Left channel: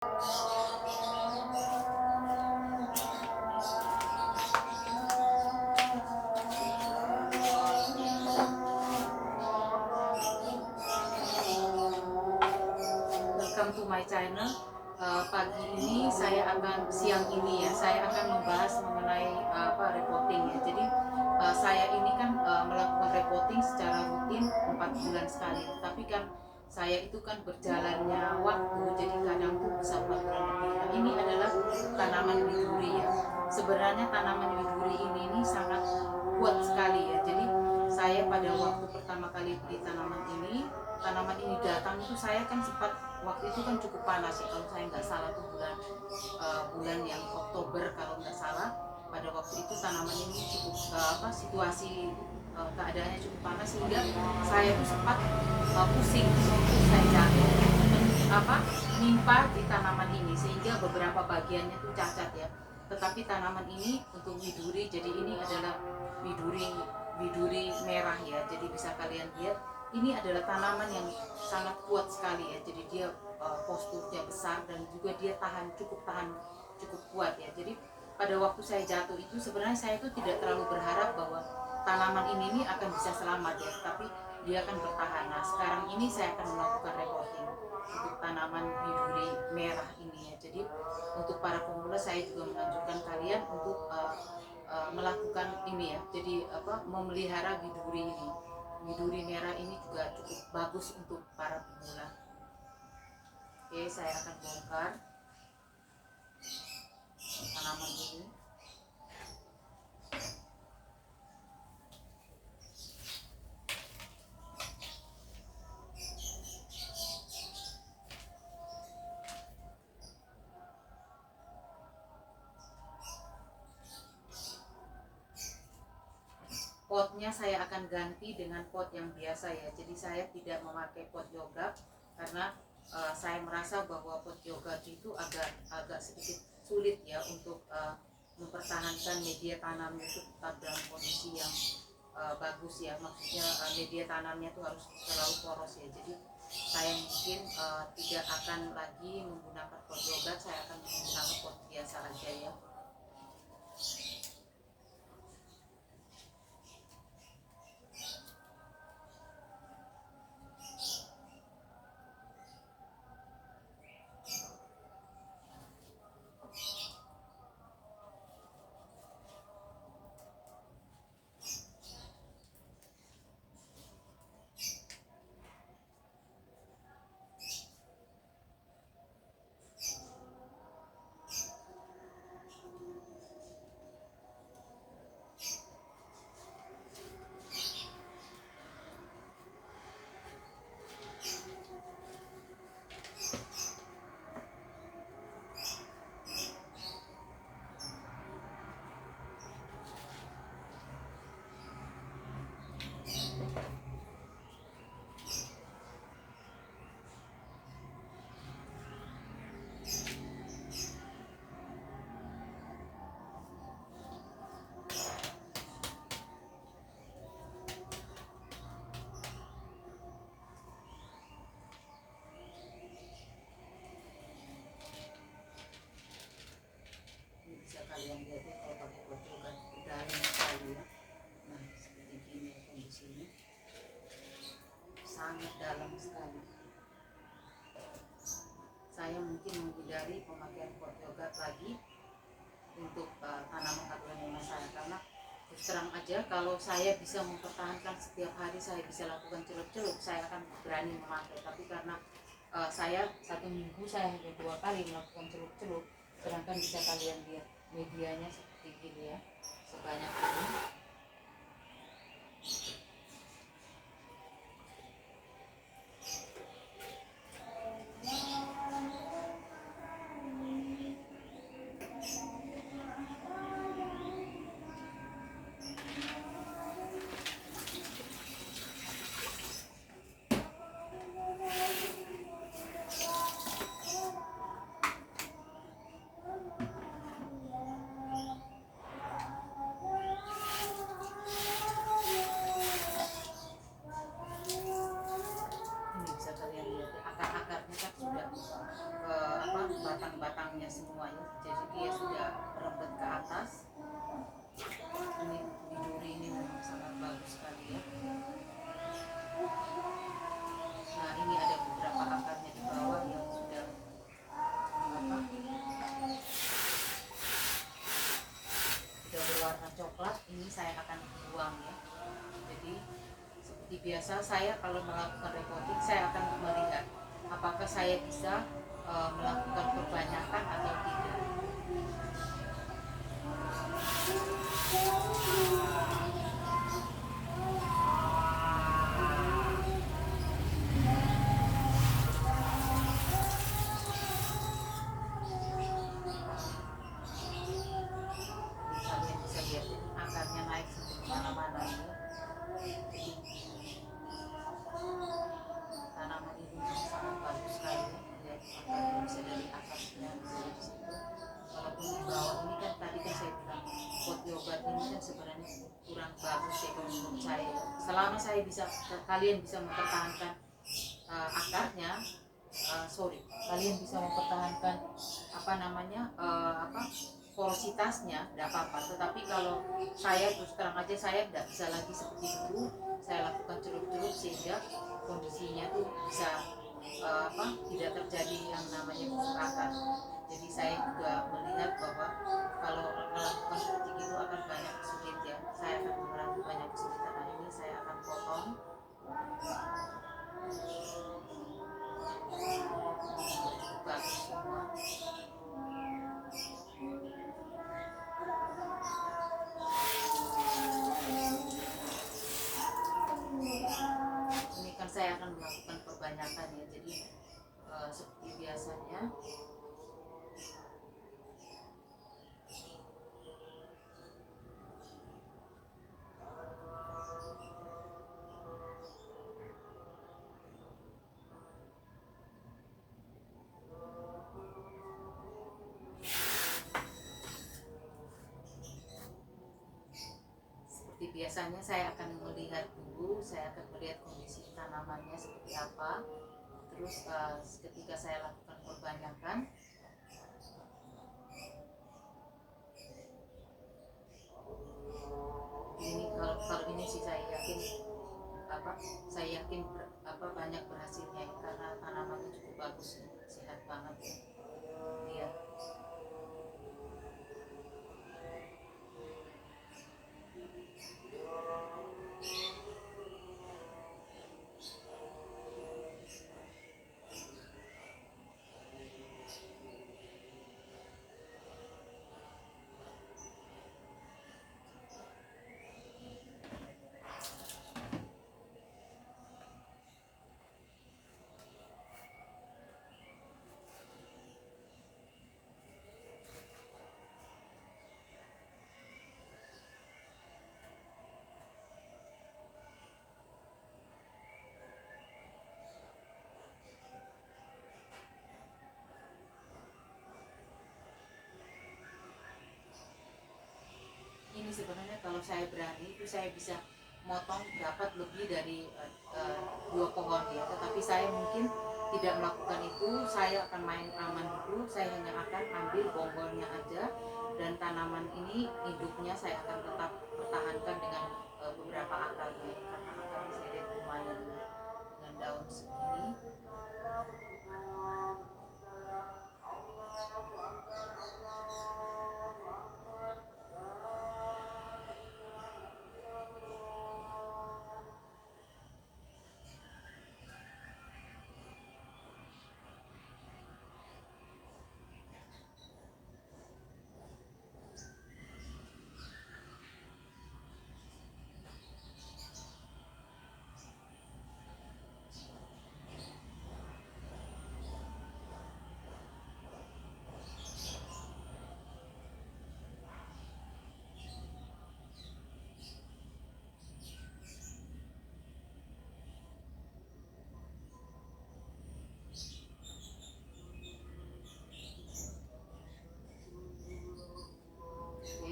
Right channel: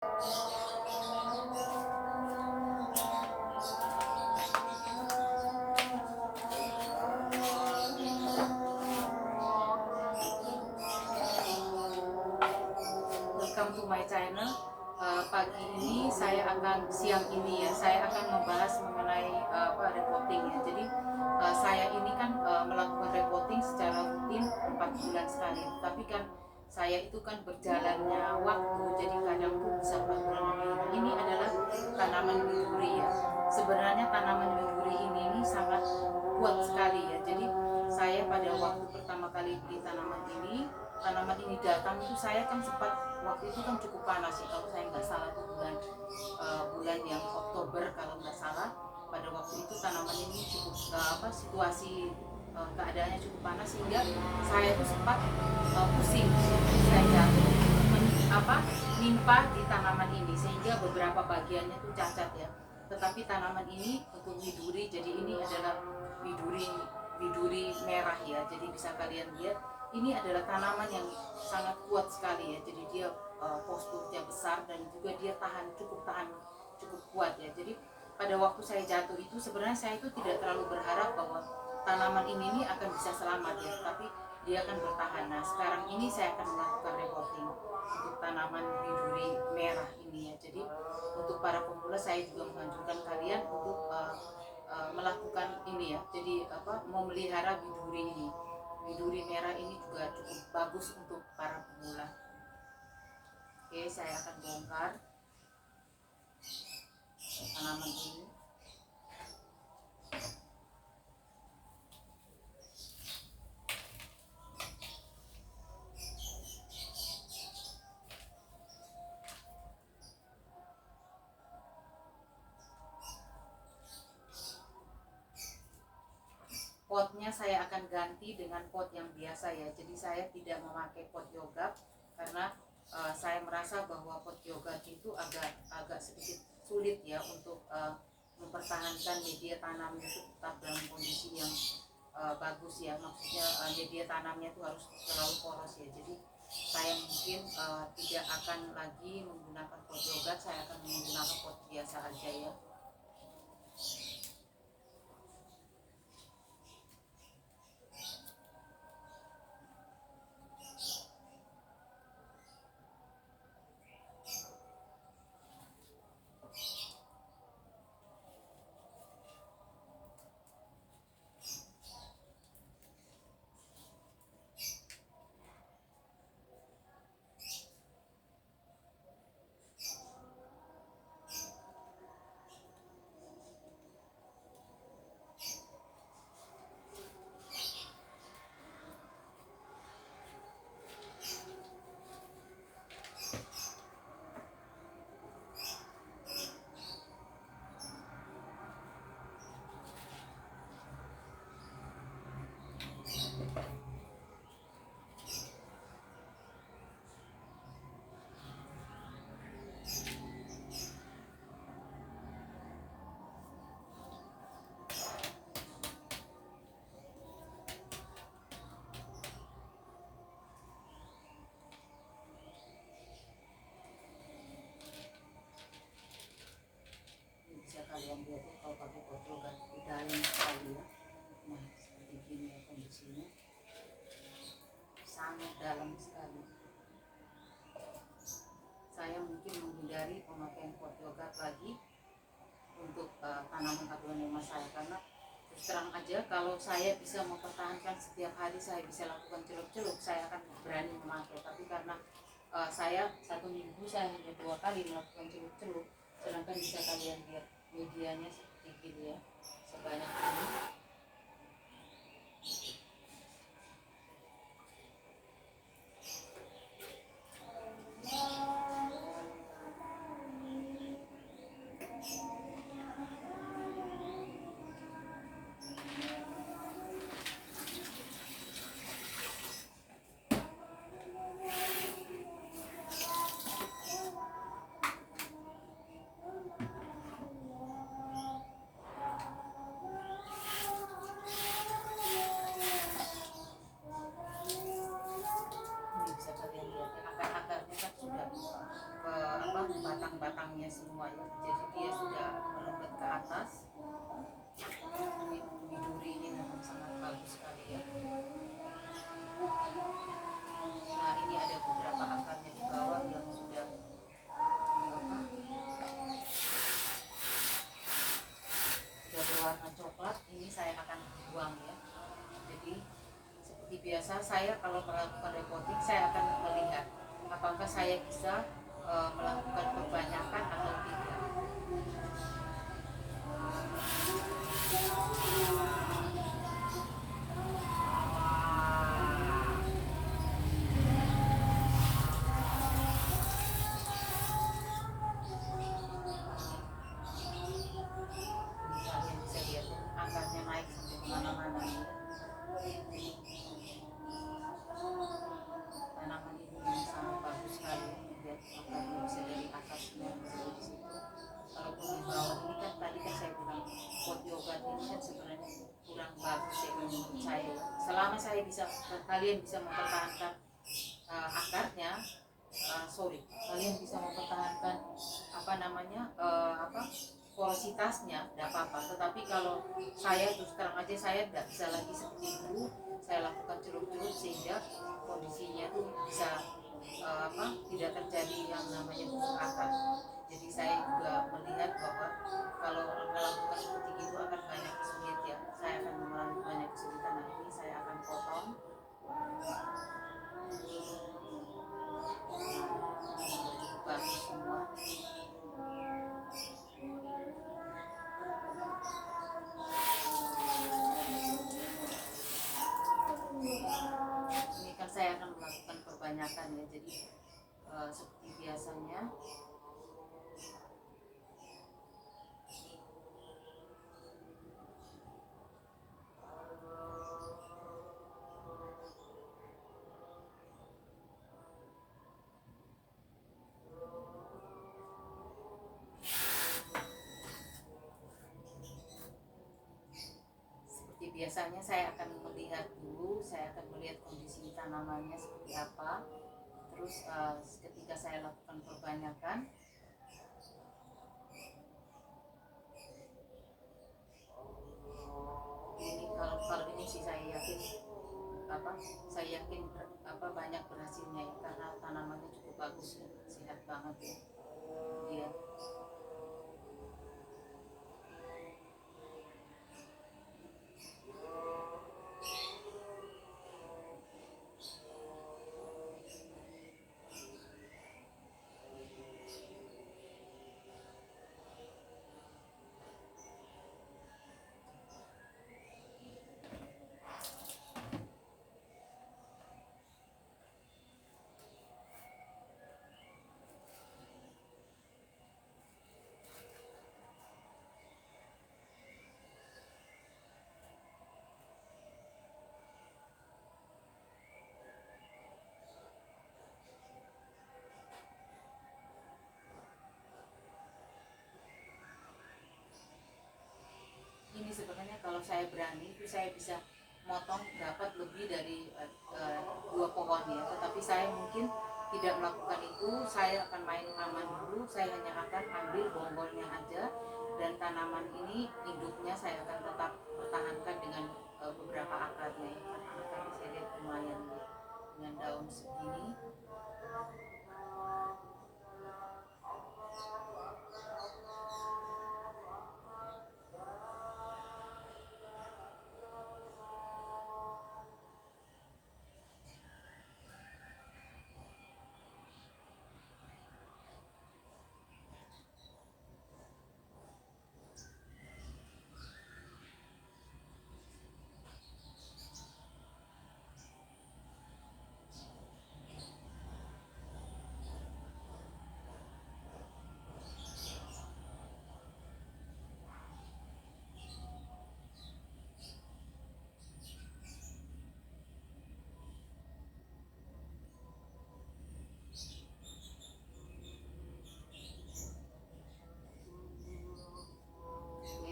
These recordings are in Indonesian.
Welcome to my channel. Pagi ini siang ini ya, saya akan membahas mengenai reporting ya. Jadi saya ini kan melakukan reporting secara rutin 4 bulan sekali. Tapi kan saya itu kan berjalannya waktu, jadi kadang tuh bisa 4 bulan lebih. Nah, ini adalah tanaman widuri ya. Sebenarnya tanaman widuri ini sangat kuat sekali ya. Jadi saya pada waktu pertama kali beli tanaman ini datang itu saya kan sempat, waktu itu kan cukup panas ya, kalau saya nggak salah tuh bulan yang Oktober kalau nggak salah. Pada waktu itu tanaman ini cukup situasi keadaannya cukup panas sehingga saya tuh sempat pusing, saya jatuh menimpa di tanaman ini sehingga beberapa bagiannya tuh cacat ya. Tetapi tanaman ini untuk widuri, jadi ini adalah widuri merah ya. Jadi bisa kalian lihat, ini adalah tanaman yang sangat kuat sekali ya. Jadi dia posturnya besar dan juga dia cukup kuat ya. Jadi pada waktu saya jatuh itu sebenarnya saya itu tidak terlalu berharap bahwa tanaman ini akan bisa selamat ya, tapi dia akan bertahan. Nah, sekarang ini saya akan melakukan reporting untuk tanaman widuri merah ini ya. Jadi untuk para pemula saya juga menganjurkan kalian untuk melakukan ini ya. Jadi memelihara widuri ini. Widuri merah ini juga cukup bagus untuk para pemula. Oke, saya akan bongkar tanaman ini. Potnya saya akan ganti dengan pot yang biasa ya. Jadi saya tidak memakai pot yoga karena saya merasa bahwa pot yoga itu agak sedikit sulit ya untuk mempertahankan media tanamnya itu tetap dalam kondisi yang bagus ya. Maksudnya media tanamnya itu harus terlalu poros ya. Jadi saya mungkin tidak akan lagi menggunakan pot yoga, saya akan menggunakan pot biasa aja ya. Bisa kalian lihat ya, kalau pakai pot yoga dalam sekali ya. Nah, seperti gini ya kondisinya, sangat dalam sekali. Saya mungkin menghindari pemakaian pot yoga lagi untuk tanaman aglonema saya, karena terus terang aja kalau saya bisa mempertahankan setiap hari saya bisa lakukan celup-celup, saya akan berani memakai. Tapi karena saya 1 minggu saya hanya 2 kali melakukan celup-celup, sedangkan bisa kalian lihat medianya seperti gini ya, sebanyak ini. batang-batangnya semua ya. Jadi dia sudah merembet ke atas. Ini biduri ini memang sangat bagus sekali ya. Nah ini ada beberapa akarnya di bawah yang sudah berwarna coklat. Ini saya akan buang ya. Jadi seperti biasa saya kalau melakukan repotting saya akan melihat apakah saya bisa melakukan perbanyakan atau tidak. Kalian bisa lihat ya, akarnya naik sampai kemana-mana ya. Tanaman ini memang sangat bagus sekali ya. Akarnya bisa dari atasnya bisa dari situ. Walaupun di bawah ini kan tadi kan saya bilang pot yoga ini kan sebenarnya kurang bagus ya menurut saya. Selama saya bisa, kalian bisa mempertahankan akarnya, kalian bisa mempertahankan porositasnya, tidak apa-apa. Tetapi kalau saya terus terang aja saya tidak bisa lagi seperti itu. Saya lakukan celup-celup sehingga kondisinya tuh bisa tidak terjadi yang namanya busuk akar. Jadi saya juga melihat bahwa kalau melakukan seperti itu akan banyak kesulit ya. Saya akan mengalami banyak kesulitan. Nah ini saya akan potong. Bagus semua. Ini kan saya akan melakukan perbanyakan ya. Jadi seperti biasanya biasanya saya akan melihat dulu, saya akan melihat kondisi tanamannya seperti apa. Terus ketika saya lakukan perbanyakan, ini kalau ini sih saya yakin banyak berhasilnya ya, karena tanamannya cukup bagus ya, sehat banget ya dia. Ini sebenarnya kalau saya berani itu saya bisa motong dapat lebih dari 2 pohon ya, tetapi saya mungkin tidak melakukan itu. Saya akan main aman dulu, saya hanya akan ambil bonggolnya aja, dan tanaman ini hidupnya saya akan tetap pertahankan dengan beberapa akarnya ya, karena akarnya saya lihat lumayan dengan daun segini.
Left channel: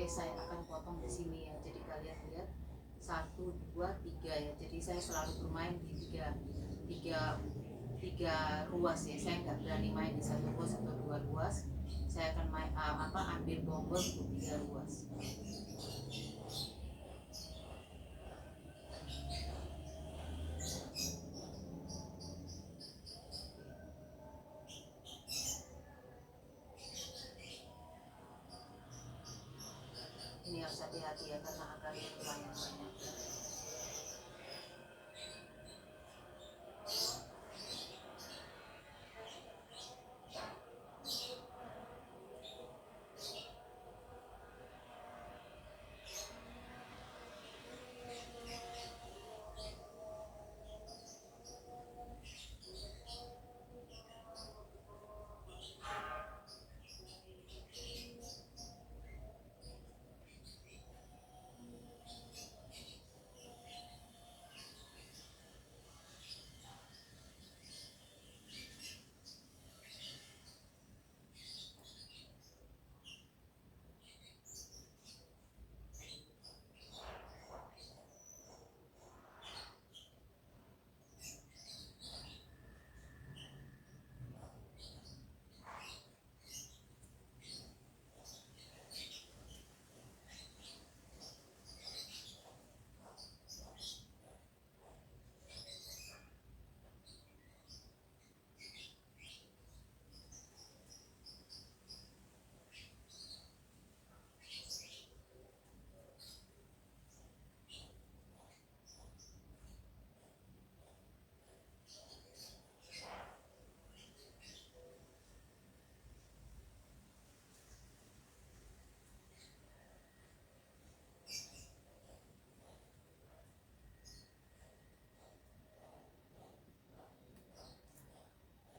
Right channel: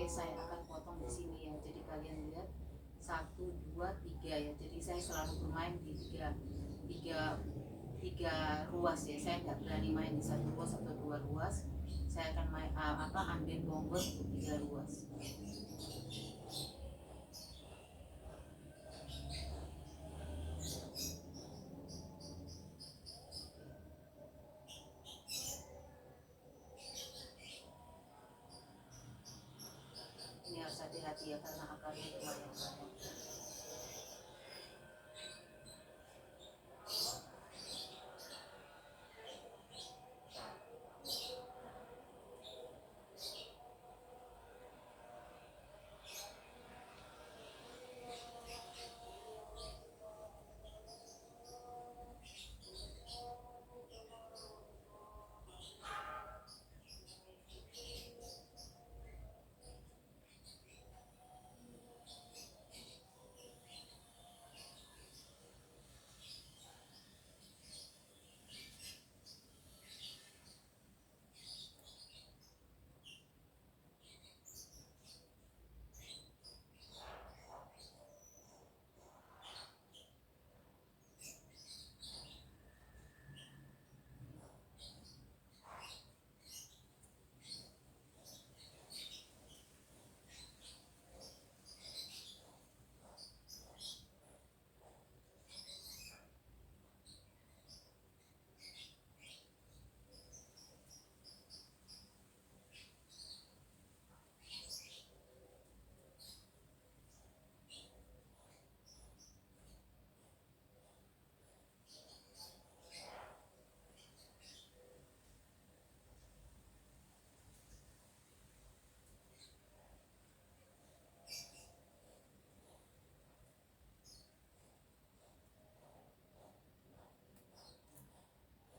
Saya akan potong di sini ya, jadi kalian lihat 1, 2, 3 ya. Jadi saya selalu bermain di tiga 3 ruas ya, saya nggak berani main di 1 ruas atau 2 ruas, saya akan ambil bonggol untuk 3 ruas. Ini harus hati-hati ya karena akarnya lumayan banyak.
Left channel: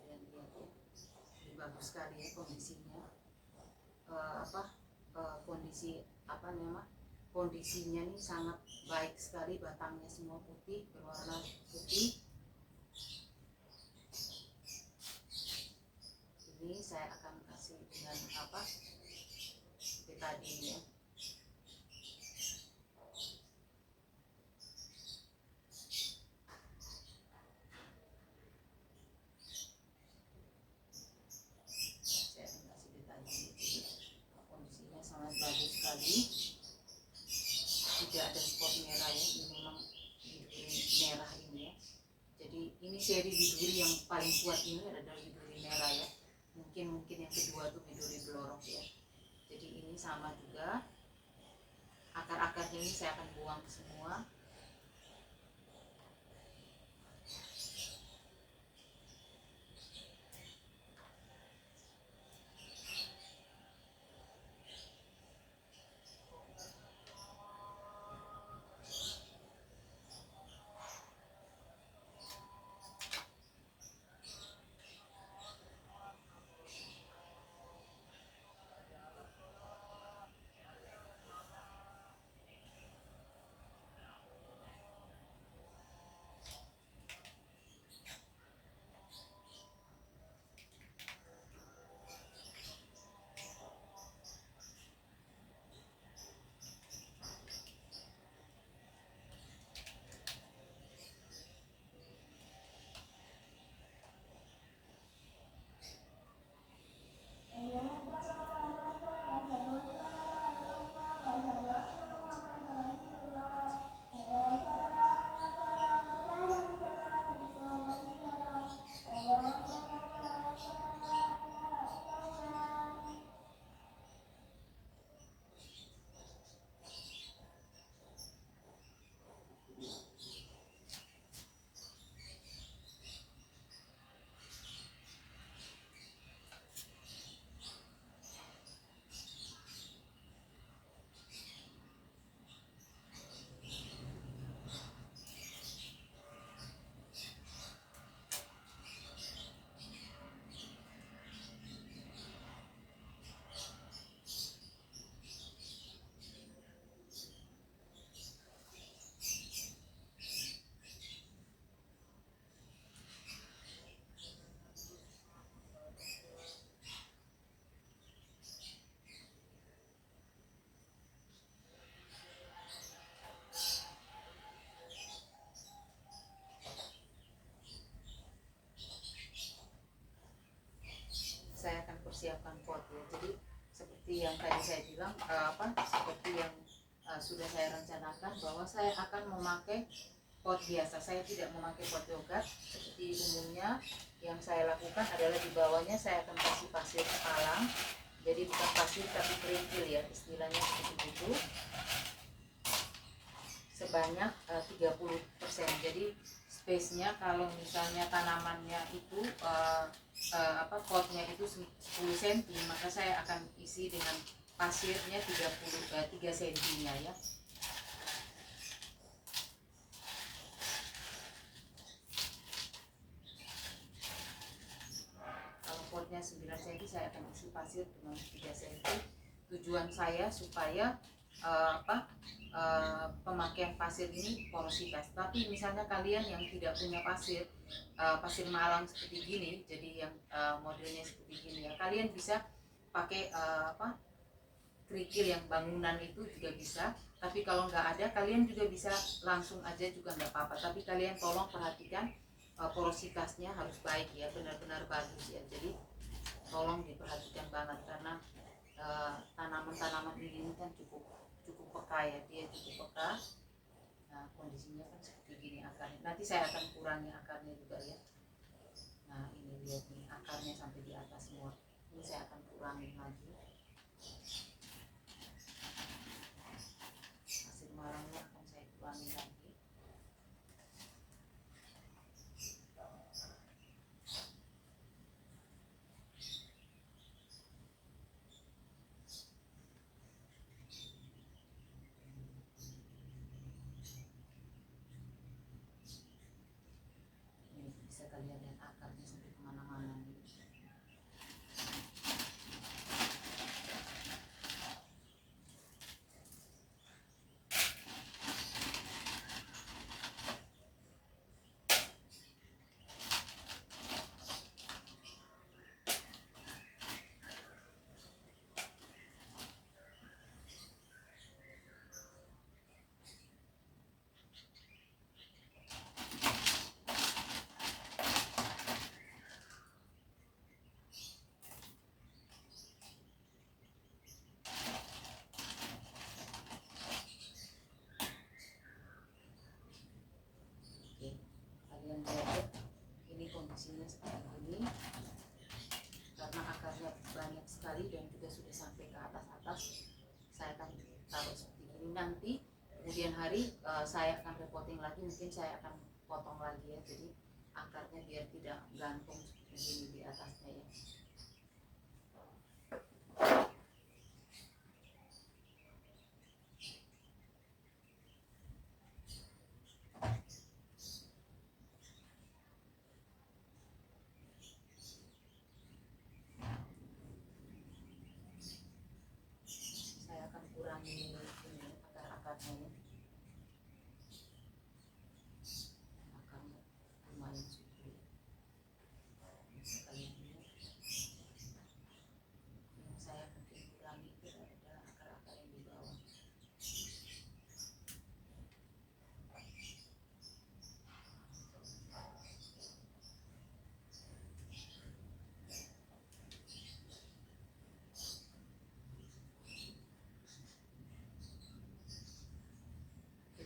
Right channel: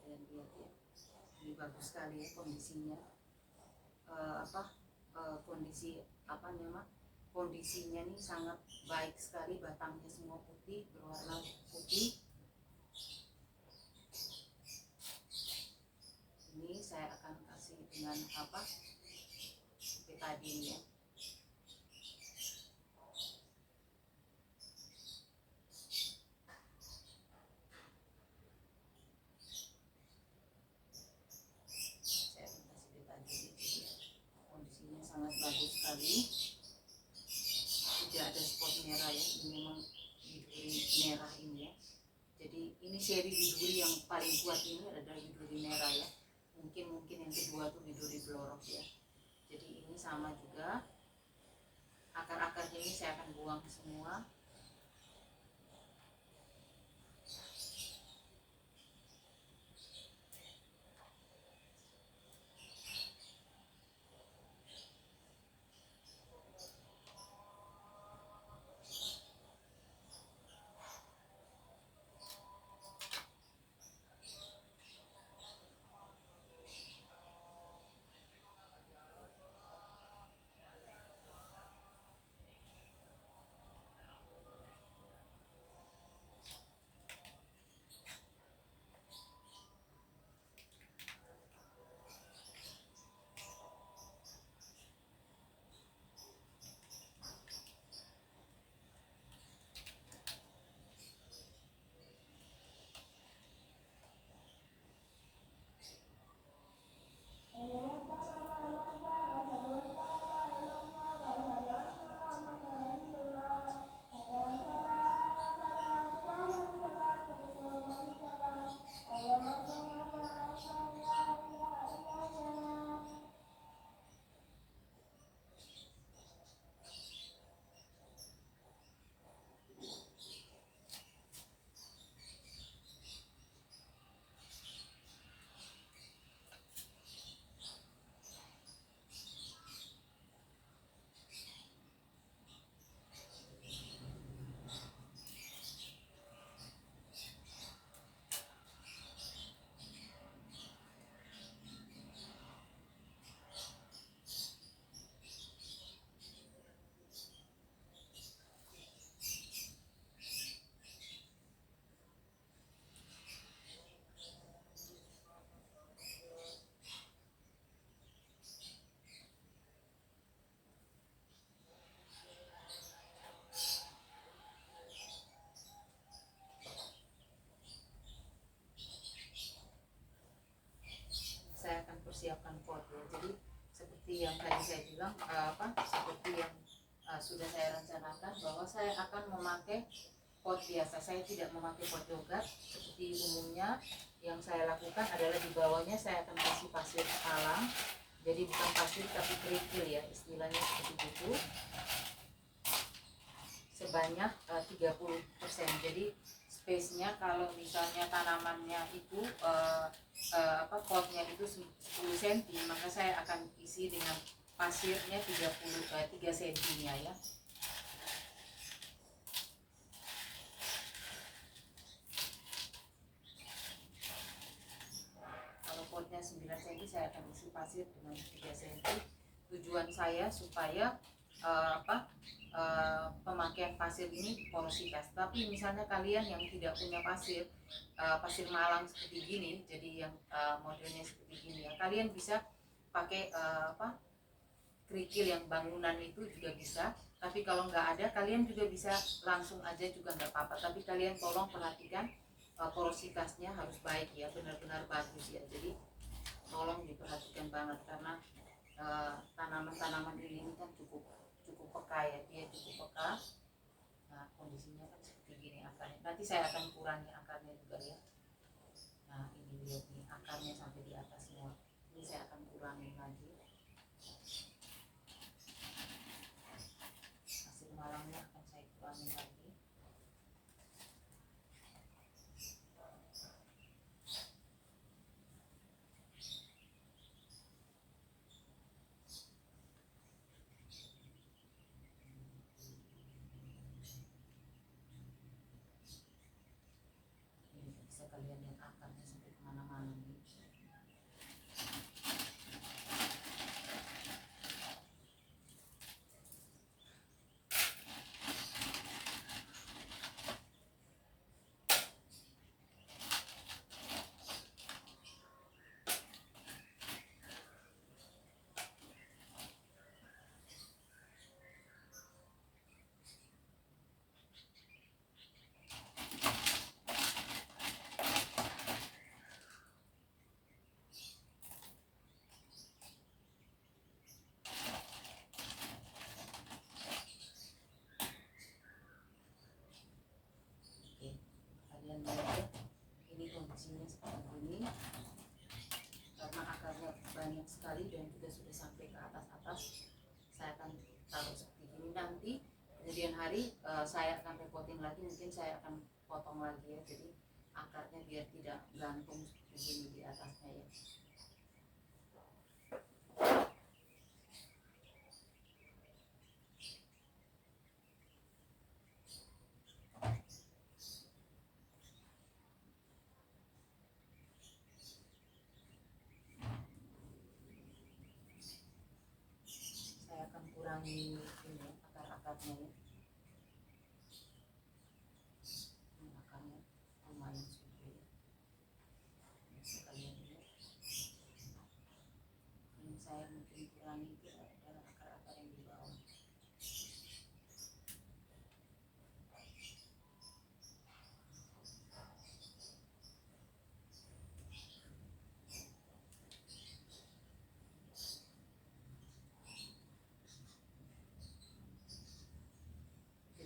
Kalian lihat ya, ini bagus sekali ya kondisinya. Kondisinya nih sangat baik sekali, batangnya semua putih, berwarna putih. Ini saya akan kasih dengan betadine ya. Saya akan kasih betadine. Kondisinya sangat bagus sekali, tidak ada spot merah ya. Ini memang biduri merah ini ya. Jadi ini seri biduri yang paling kuat ini adalah biduri merah ya. Mungkin yang kedua tuh biduri blorok ya. Jadi ini sama juga, akar-akarnya ini saya akan buang semua. ya. Jadi seperti yang tadi saya bilang, seperti yang sudah saya rencanakan, bahwa saya akan memakai pot biasa. Saya tidak memakai pot yogurt seperti umumnya. Yang saya lakukan adalah di bawahnya saya akan kasih pasir alam. Jadi bukan pasir tapi kerikil ya, istilahnya seperti itu. Sebanyak 30%. Jadi space-nya kalau misalnya tanamannya itu potnya itu 10 cm, maka saya akan isi dengan pasirnya 3 cm-nya ya. Kalau potnya 9 cm, saya akan isi pasir dengan 3 cm. Tujuan saya supaya pemakaian pasir ini porositas. Tapi misalnya kalian yang tidak punya pasir, pasir malam seperti gini, jadi yang modelnya seperti gini ya, kalian bisa pakai kerikil yang bangunan itu juga bisa. Tapi kalau nggak ada, kalian juga bisa langsung aja juga nggak apa-apa. Tapi kalian tolong perhatikan porositasnya harus baik ya, benar-benar bagus ya. Jadi tolong diperhatikan banget, karena tanaman-tanaman ini kan cukup peka ya, dia cukup peka. Nah kondisinya kan seperti gini akarnya. Nanti saya akan kurangi akarnya juga ya. Nah ini lihat nih, akarnya sampai di atas semua. Ini saya akan kurangi lagi. Hasil malangnya akan saya kurangi lagi. Kalian lihat akarnya sampai kemana-mana nih. Kalian lihat ini kondisinya seperti ini, karena akarnya banyak sekali dan juga sudah sampai ke atas. Saya akan taruh seperti ini. Nanti kemudian hari saya akan repotting lagi, mungkin saya akan potong lagi ya, jadi akarnya biar tidak gantung seperti ini di atasnya ya. Kurangi ini akar-akarnya ya. Ini akarnya lumayan subur ya. Bisa kalian lihat. Yang saya mungkin kurangi itu adalah akar-akar yang di bawah.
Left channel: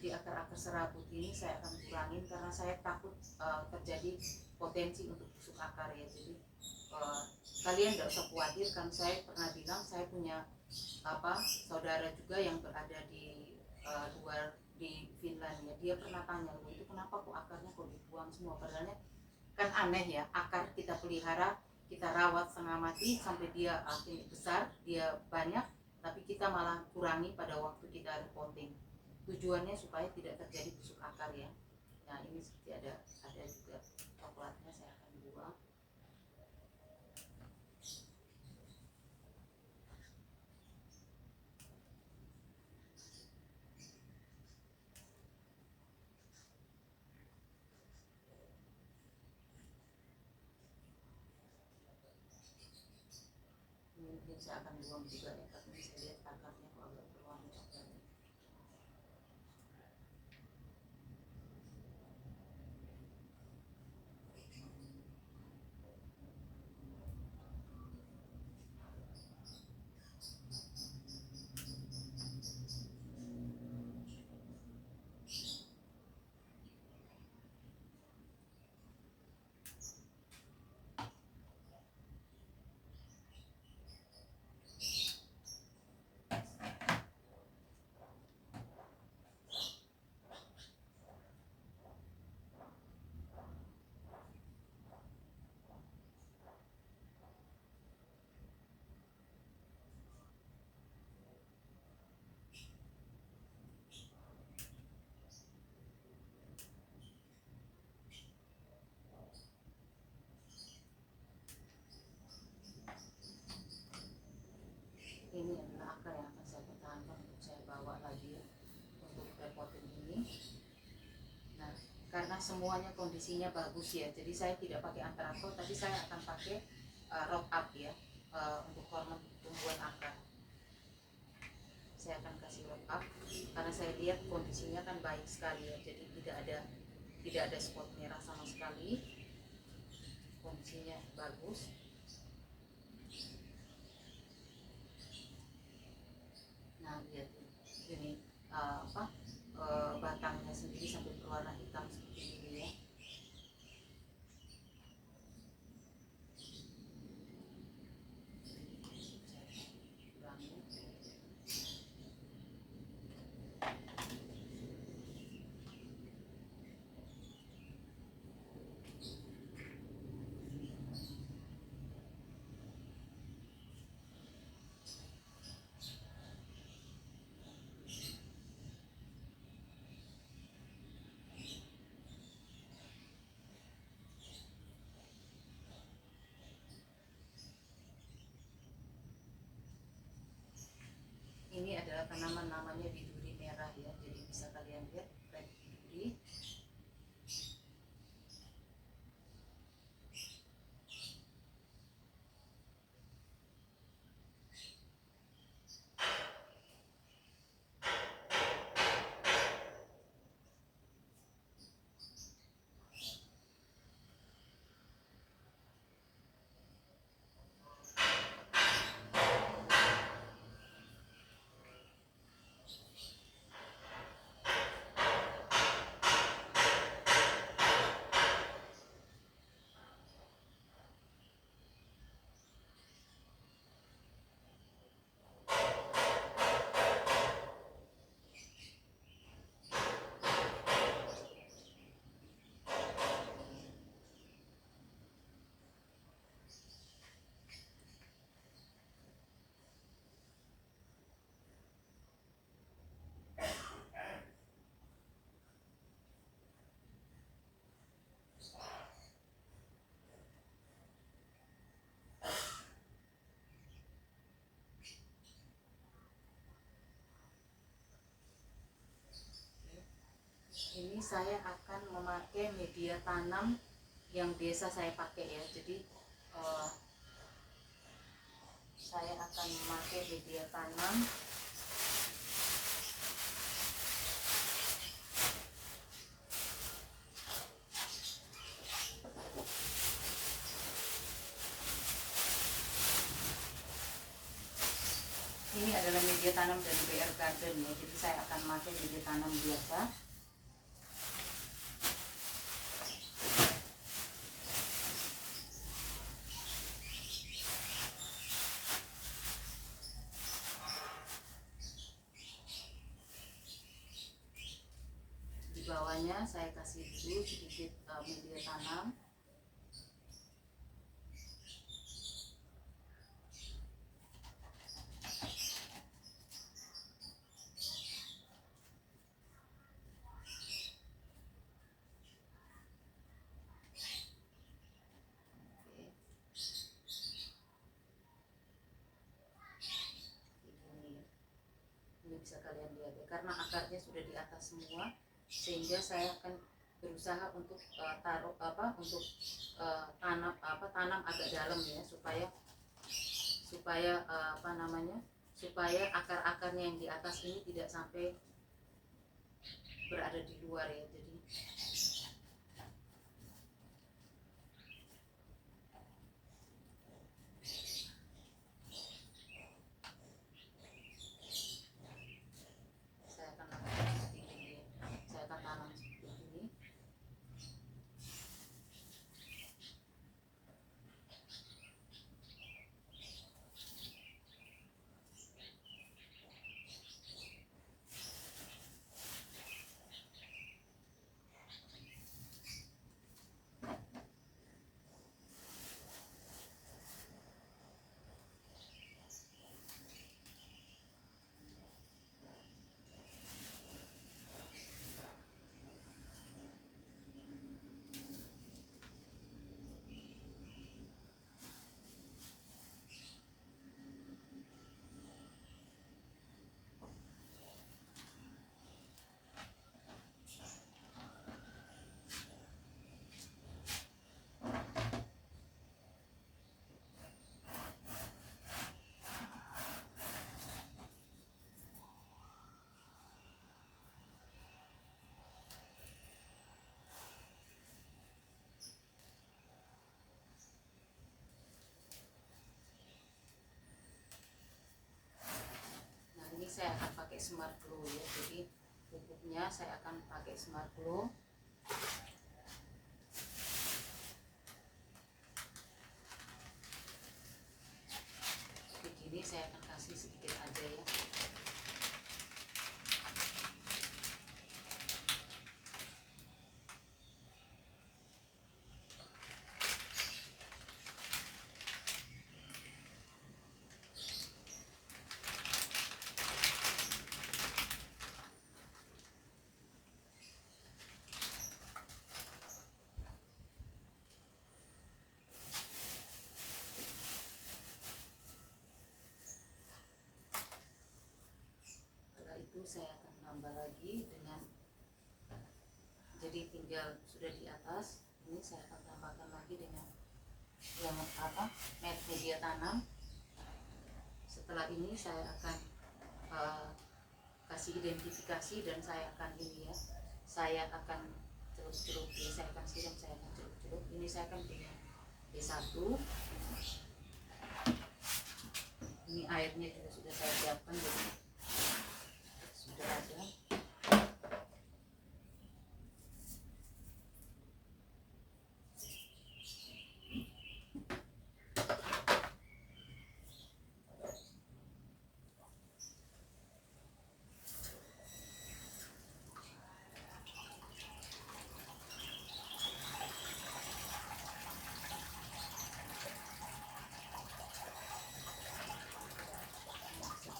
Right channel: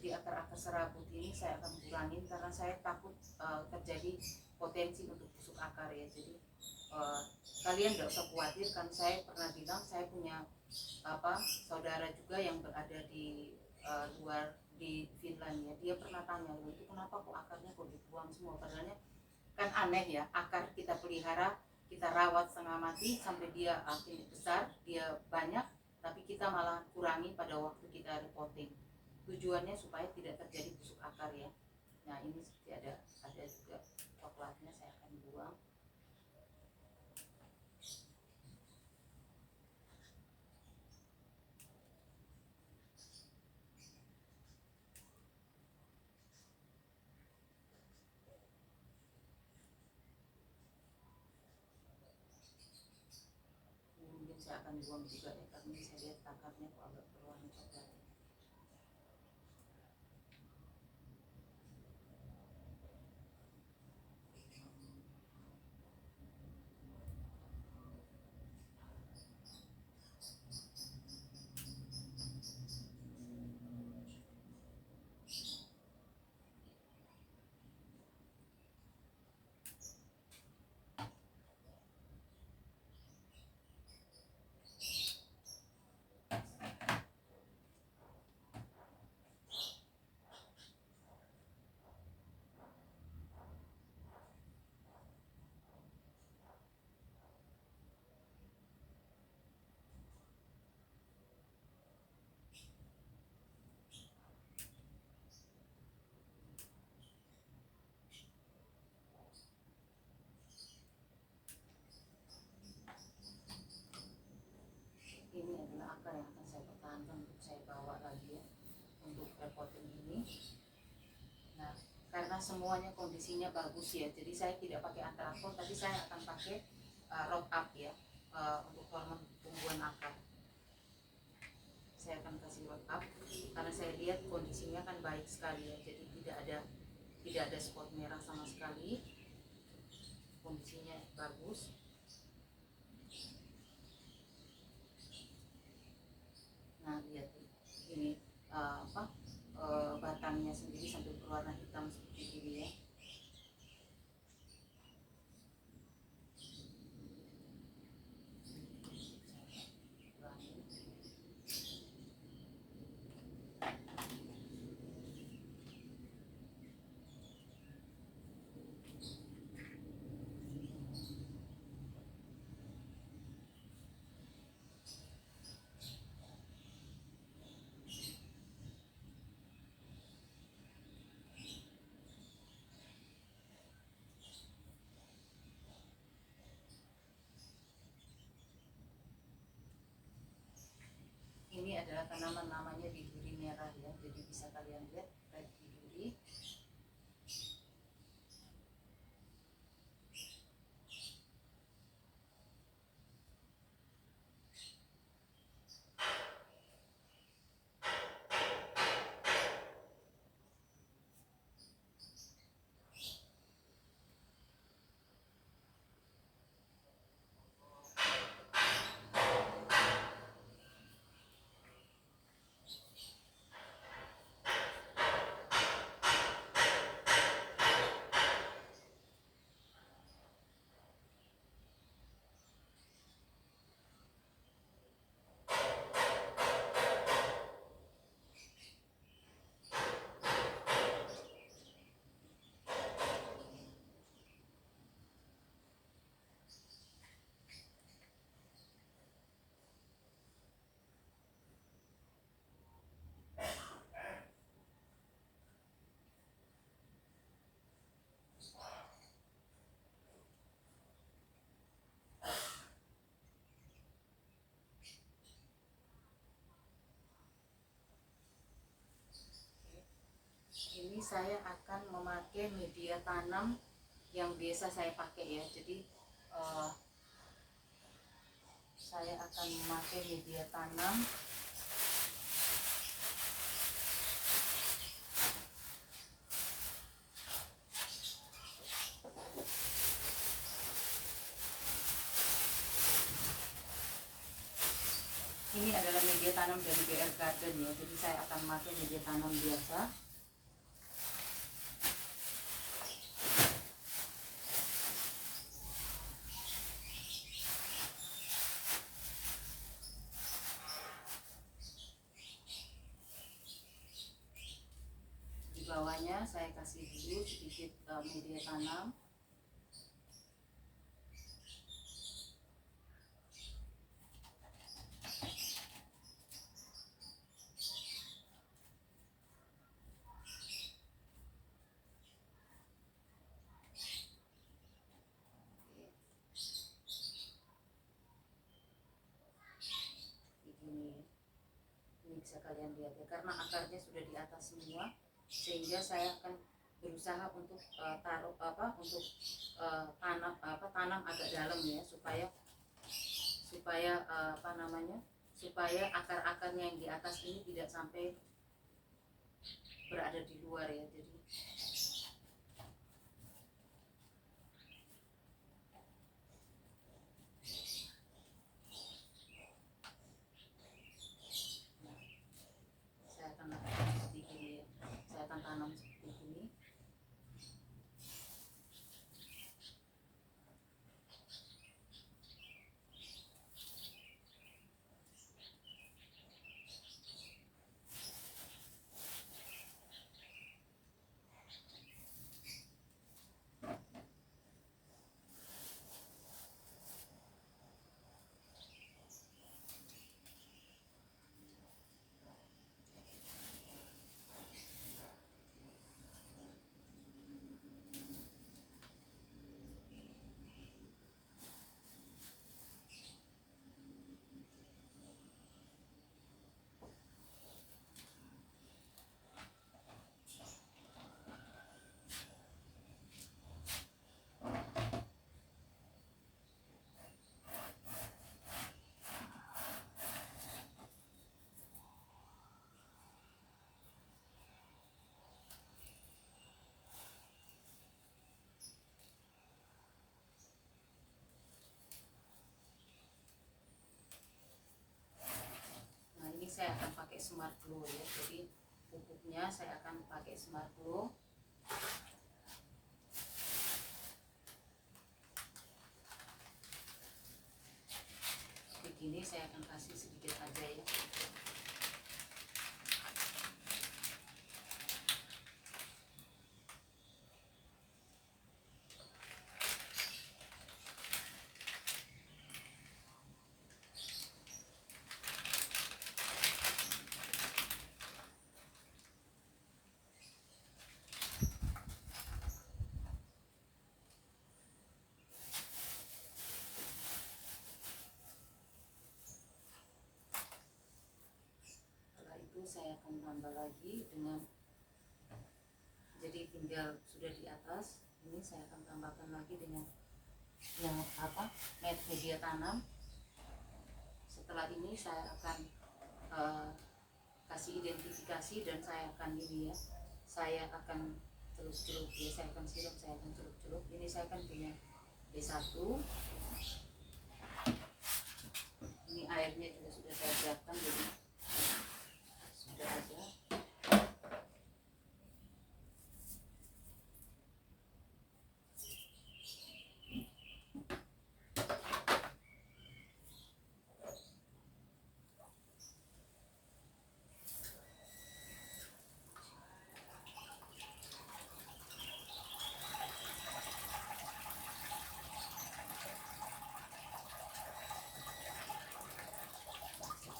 Jadi akar-akar serabut ini saya akan kurangin karena saya takut terjadi potensi untuk busuk akar ya. Jadi kalian tidak usah khawatir, kan saya pernah bilang saya punya saudara juga yang berada di luar di Finland ya. Dia pernah tanya, itu kenapa kok akarnya kok dibuang semua, padahal kan aneh ya, akar kita pelihara, kita rawat setengah mati sampai dia akhirnya besar, dia banyak, tapi kita malah kurangi pada waktu kita repotting. Tujuannya supaya tidak terjadi busuk akar ya. Nah ini seperti ada juga coklatnya, saya akan buang. Ini mungkin saya akan buang juga ya, karena saya lihat akarnya kok agak berwarna coklat. akar yang akan saya pertahankan untuk saya bawa lagi ya untuk repotting ini. Nah, karena semuanya kondisinya bagus ya, jadi saya tidak pakai antrakol, tapi saya akan pakai root up ya, untuk hormon tumbuhan akar. Saya akan kasih root up karena saya lihat kondisinya kan baik sekali ya, jadi tidak ada spot merah sama sekali, kondisinya bagus. Nah, lihat ini batangnya sendiri sampai berwarna hitam seperti ini ya. Ini adalah tanaman namanya biduri merah ya, jadi bisa kalian lihat red biduri. Ini saya akan memakai media tanam yang biasa saya pakai ya, jadi saya akan memakai media tanam ini adalah media tanam dari BR Garden ya, jadi saya akan memakai media tanam biasa. Di bawahnya saya kasih dulu sedikit media tanam. Ini bisa kalian lihat ya, karena akarnya sudah di atas semua, sehingga saya akan berusaha untuk tanam agak dalam ya, supaya akar-akarnya yang di atas ini tidak sampai berada di luar ya. Jadi saya akan lakukan seperti ini ya. Saya akan tanam seperti ini. saya akan pakai Smart Glow ya. Jadi pupuknya saya akan pakai Smart Glow. Begini saya akan kasih sedikit aja ya. Saya akan tambah lagi dengan, jadi tinggal sudah di atas ini saya akan tambahkan lagi dengan yang media tanam. Setelah ini saya akan kasih identifikasi dan saya akan ini ya, saya akan celup-celup ya, saya akan siram, saya akan celup-celup. Ini saya akan punya B1, ini airnya juga sudah saya siapkan, jadi sudah ada.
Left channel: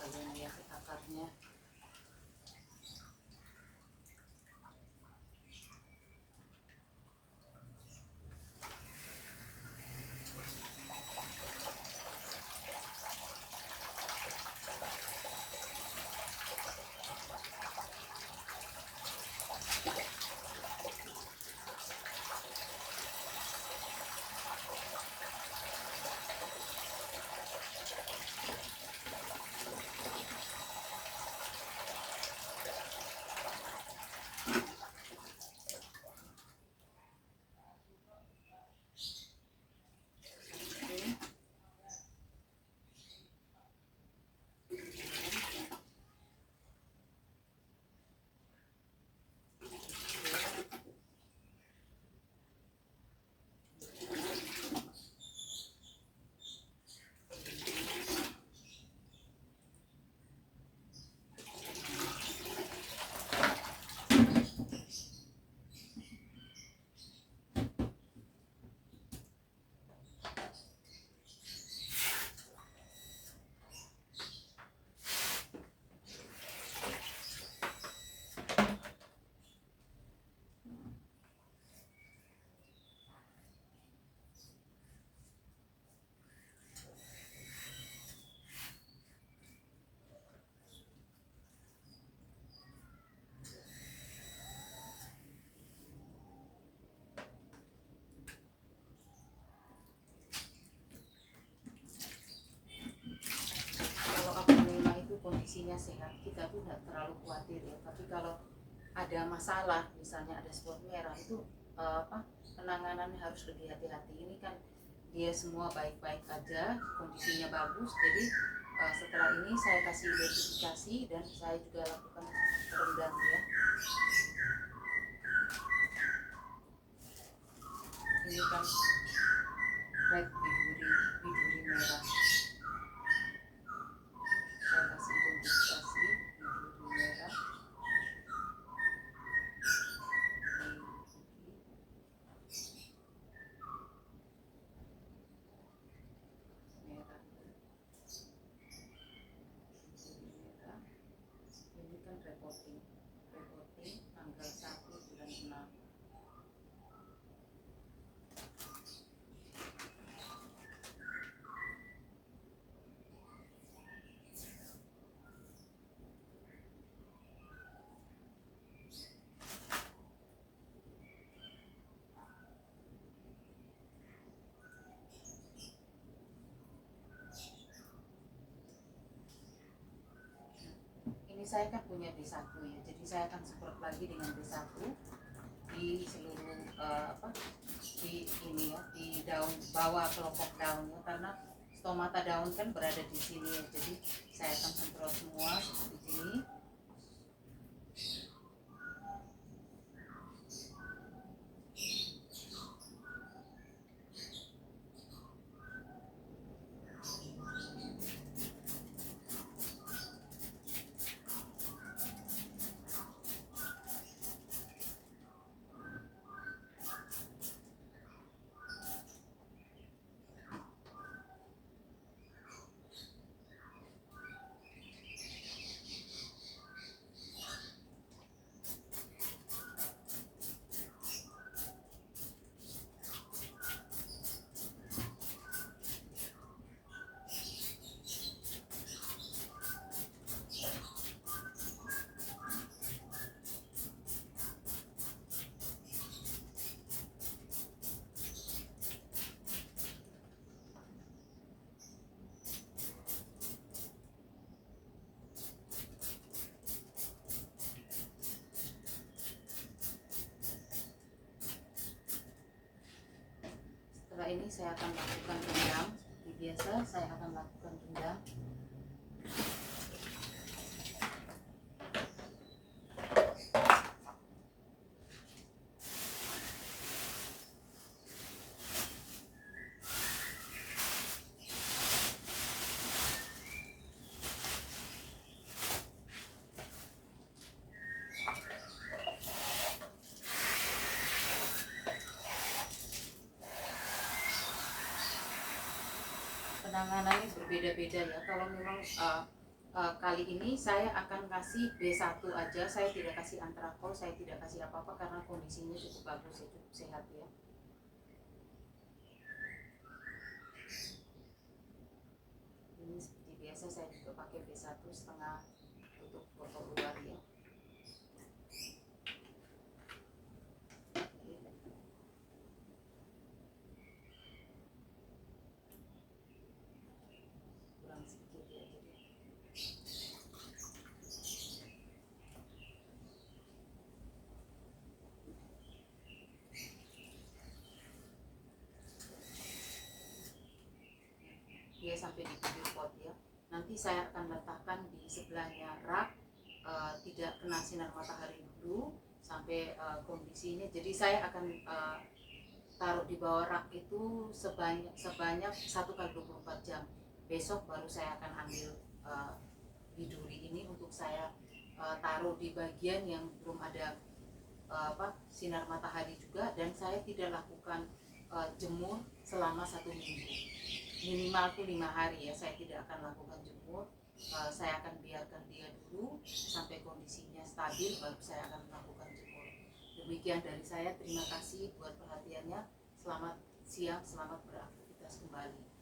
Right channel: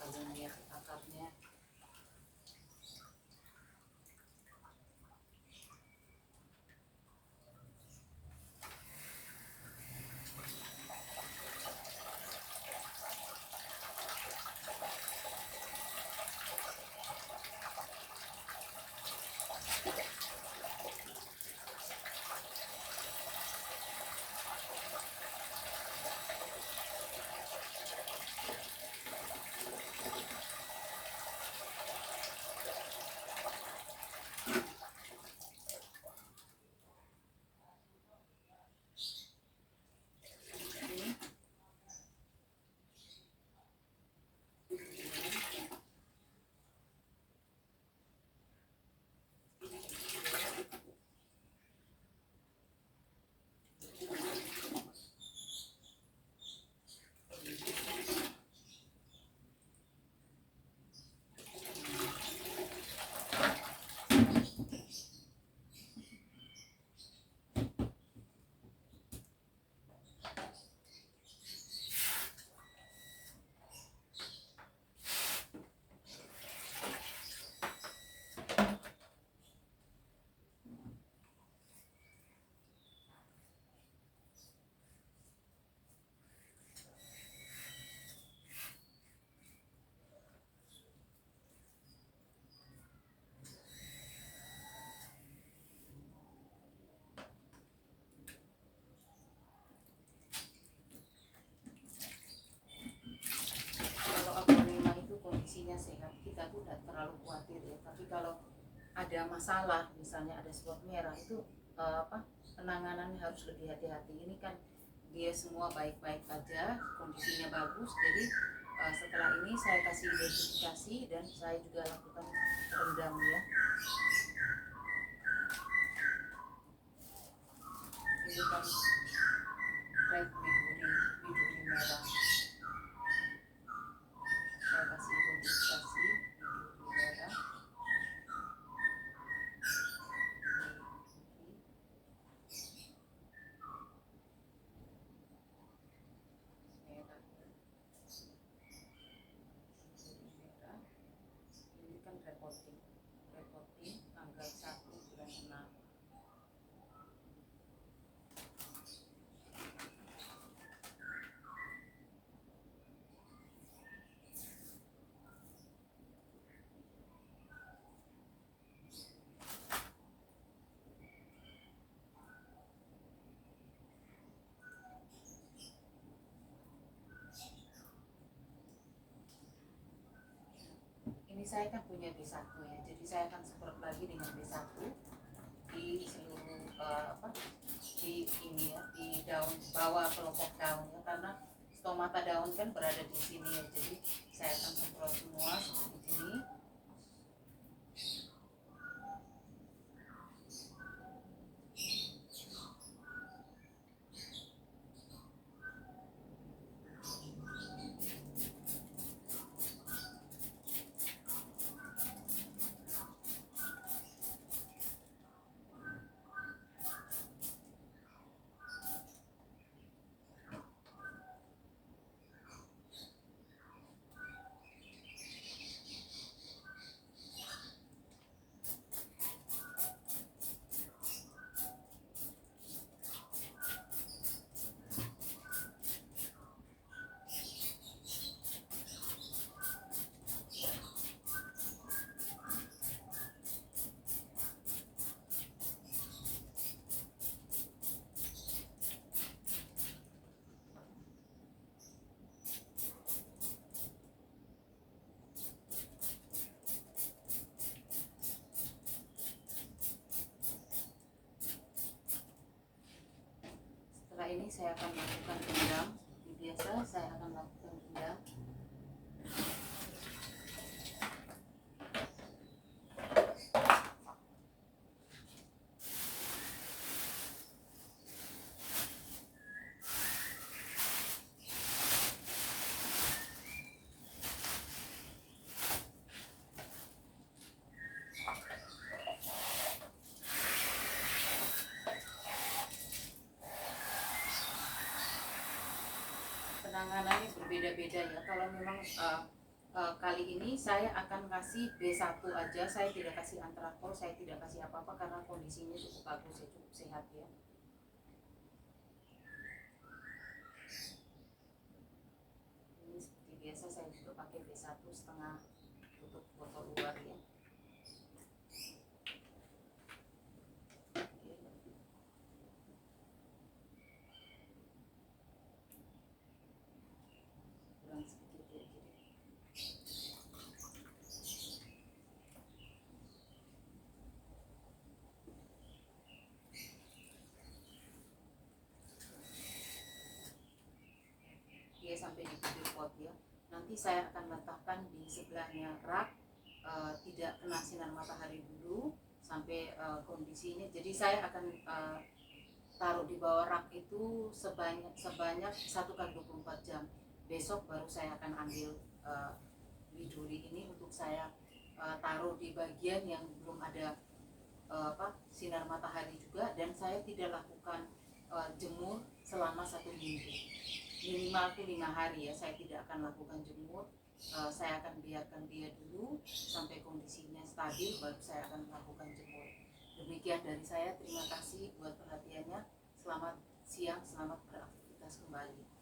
Kalian lihat akarnya. Kondisinya sehat, kita tuh tidak terlalu khawatir ya. Tapi kalau ada masalah, misalnya ada spot merah, itu penanganannya harus lebih hati-hati. Ini kan dia semua baik-baik aja, kondisinya bagus. Jadi setelah ini saya kasih identifikasi dan saya juga lakukan rendam ya. Ini kan red biduri merah. Saya kasih identifikasi biduri merah. Ini kan reporting tanggal 1 bulan 6. Ini saya kan punya B1 ya, jadi saya akan semprot lagi dengan B1 di seluruh di ini ya, di daun bawah kelompok daunnya, karena stomata daun kan berada di sini ya, jadi saya akan semprot semua seperti ini. Setelah ini saya akan lakukan rendam. Seperti biasa saya akan lakukan rendam. Penanganannya berbeda-beda ya. Kalau memang kali ini saya akan kasih B1 aja, saya tidak kasih antrakol, saya tidak kasih apa-apa karena kondisinya cukup bagus ya, cukup sehat ya. Ini seperti biasa saya juga pakai B1 setengah tutup botol luar ya. Kurang sedikit ya, jadi dia sampai di bibir pot ya. Nanti saya akan letakkan di sebelahnya rak, tidak kena sinar matahari dulu sampai kondisinya. Jadi saya akan taruh di bawah rak itu sebanyak 1 kali 24 jam. Besok baru saya akan ambil biduri ini untuk saya taruh di bagian yang belum ada sinar matahari juga, dan saya tidak lakukan jemur selama 1 minggu, minimal tuh 5 hari ya. Saya tidak akan lakukan jemur. Saya akan biarkan dia dulu sampai kondisinya stabil, baru saya akan melakukan jemur. Demikian dari saya, terima kasih buat perhatiannya. Selamat siang, selamat beraktivitas kembali.